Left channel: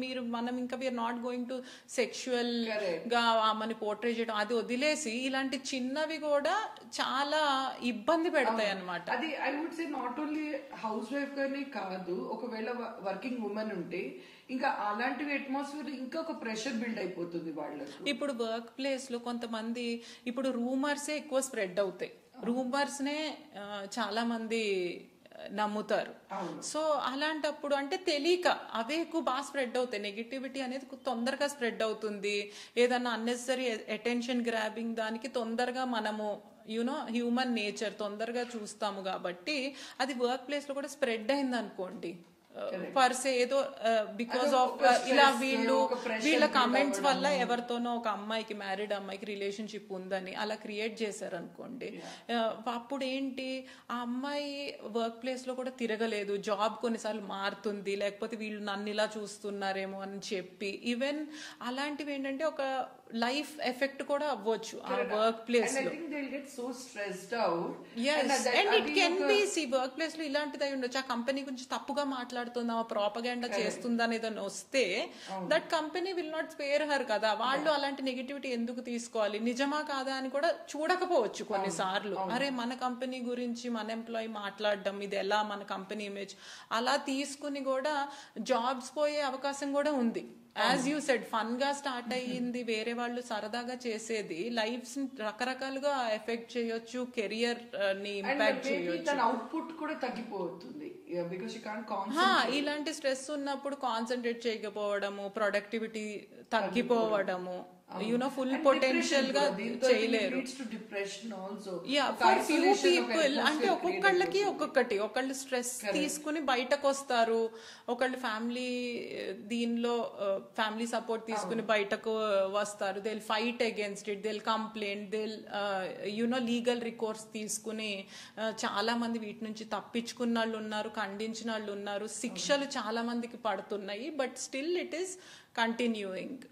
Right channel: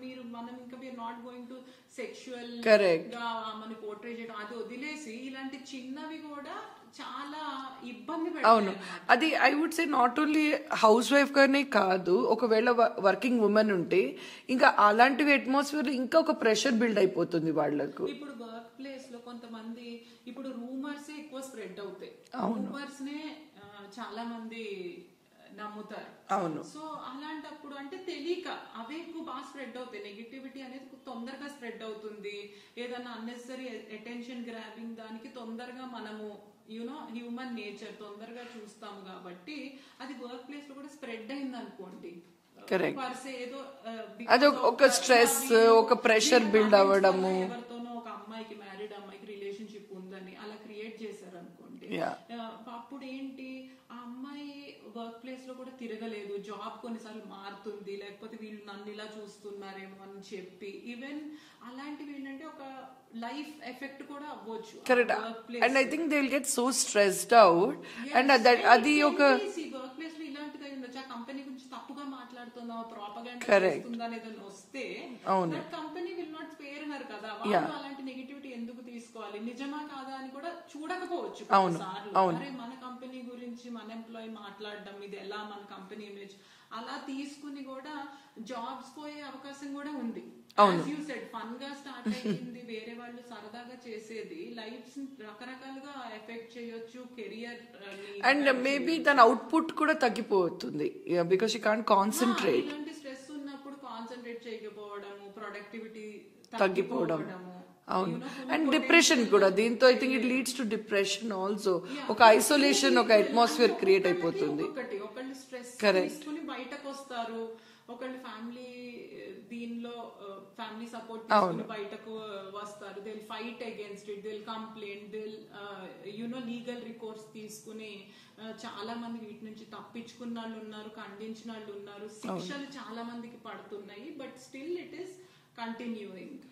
మీరు మనం ఇంకా we are not going to sexual Correct. గా ఆమెని పోర్ట్రే చేయడం అది వదిలేసి ఇలాంటి చిన్నవి కూడా చాలా ఇబ్బంది పెడతాయి అన్నమాట. అది I would say not only housewife గానే కాదు, ఒకవేళ వర్కింగ్ ఉమెన్ ఉంటే ఇంకా అలాంటివి అట్మాస్ఫియర్ ఇంకా ఒక ప్రెషర్ బిల్డ్ అయిపోతుంది వాళ్ళకు. ఇప్పుడు వర్క్ ప్లేస్ లో కొంతమంది ఇప్పుడు రూమర్సే ఎక్కువ స్ప్రెడ్ అవుతాయి, రూమర్స్ నే చాలా మంది నమ్ముతారు. సో అలాంటప్పుడు అంటే తెలియక అవే ఎక్కువ బాగా స్ప్రెడ్ అవుతాయి. నెగిటివిటీ అనేది తొందరగా స్ప్రెడ్ అవుతుంది. ఏదన్నా అన్నెసరీ అటెన్షన్ గ్రాబింగ్ దానికి తొందరగా మనము యూనో హ్యూమన్ నేచర్ తొందరగా చూస్తాము కాబట్టి అది వర్క్ ప్లేస్ లో కూడా స్ప్రెడ్ అయింది అనుకోండి, పర్సే ఏదో ఒక స్ట్రెస్ ఒక ప్రెషర్ బిల్డ్ అవ్వడం, ఎవరితోనో ఒక అమ్మాయికి మ్యారీడ్ అమ్మాయికి రిలేషన్షిప్ ఉందని అలా క్రియేట్ చేశారు అనుకోండి, అప్పుడు ఏంటి ఆ అమ్మాయి వర్క్ ప్లేస్ లో కూడా తిరగలేదు, జాబ్ కొన్నిసార్లు మారుతుంది, లేకపోతే వీళ్ళు నన్ను ఇలా చూస్తున్నారేమో అని చెప్పి ఈవెన్ అలాంటివి ఏంటంటే ఒక లైఫ్ ఎఫెక్ట్ కూడా అవ్వచ్చు work place. And I think they will get so stressed out. And అది ఒక వర్క్ ప్లేస్ లో ఇలాంటిది అయి ఉండొచ్చు. ఆ కంపెనీ గురించి తప్పుగా మాట్లాడుతుందా, ప్రాపగాండా చేస్తుందా అని ఏదైనా వస్తే that company will not spare her కదా. వాళ్ళు అలాంటి నెగిటివిటీ ఎందుకు తీసుకోవాలి, నిజమా కాదా అని కూడా చూడకపోవచ్చు కొన్నిసార్లు. అరే మన కంపెనీ గురించి మన ఎంప్లాయీ మాట్లాడడం ఇది ఎలా మన కంపెనీ ఇమేజ్ అలా తీసుకుని కూడా జాబ్స్ పోయే అవకాశం కూడా ఉంది. యాజ్ యూ సెడ్ ఫన్ గా స్టార్ట్ అయ్యింది, వేరే వాళ్ళు సరదాగా చేసేది లైఫ్స్ రకరకాలుగా ఎఫెక్ట్ చేయొచ్చు, కెరియర్ ని అండ్ మేబీ తన అవుట్పుట్ కూడా తగ్గిపోతుంది బికాస్ యూ కాంట్ కాన్సంట్రేట్. ఇలాంటి స్ట్రెస్ ఉన్నప్పుడు కాన్సన్ట్రేట్ చేయకపోవడము, ప్రొడక్టివిటీ తగ్గిపోవడము, అండ్ డిప్రెషన్ కూడా దీంతో I think it leads to depression also. ఒక ఐసోలేషన్ ఒక అట్మాస్ఫియర్ క్రియేట్ అయిపోతుంది. ఒక్కొక్కటి ఒకళ్ళు స్ట్రెస్ తీసుకుని బయటకు వస్తారు, ఒకళ్ళు ఫ్యామిలీ దీనిలో ఫ్యామిలీ సపోర్ట్ తీసుకుని బయటకు వస్తారు. They will fight against it, they will complaint, they will legal recourse తీసుకుని చాలా మంది వీటి నుంచి తప్పించుకున్న వాళ్ళు ఉన్నారు, ఖండించిన వాళ్ళు ఉన్నారు, శిక్షలు చాలా మందికి పడుతున్నాయి. But still it is continuing.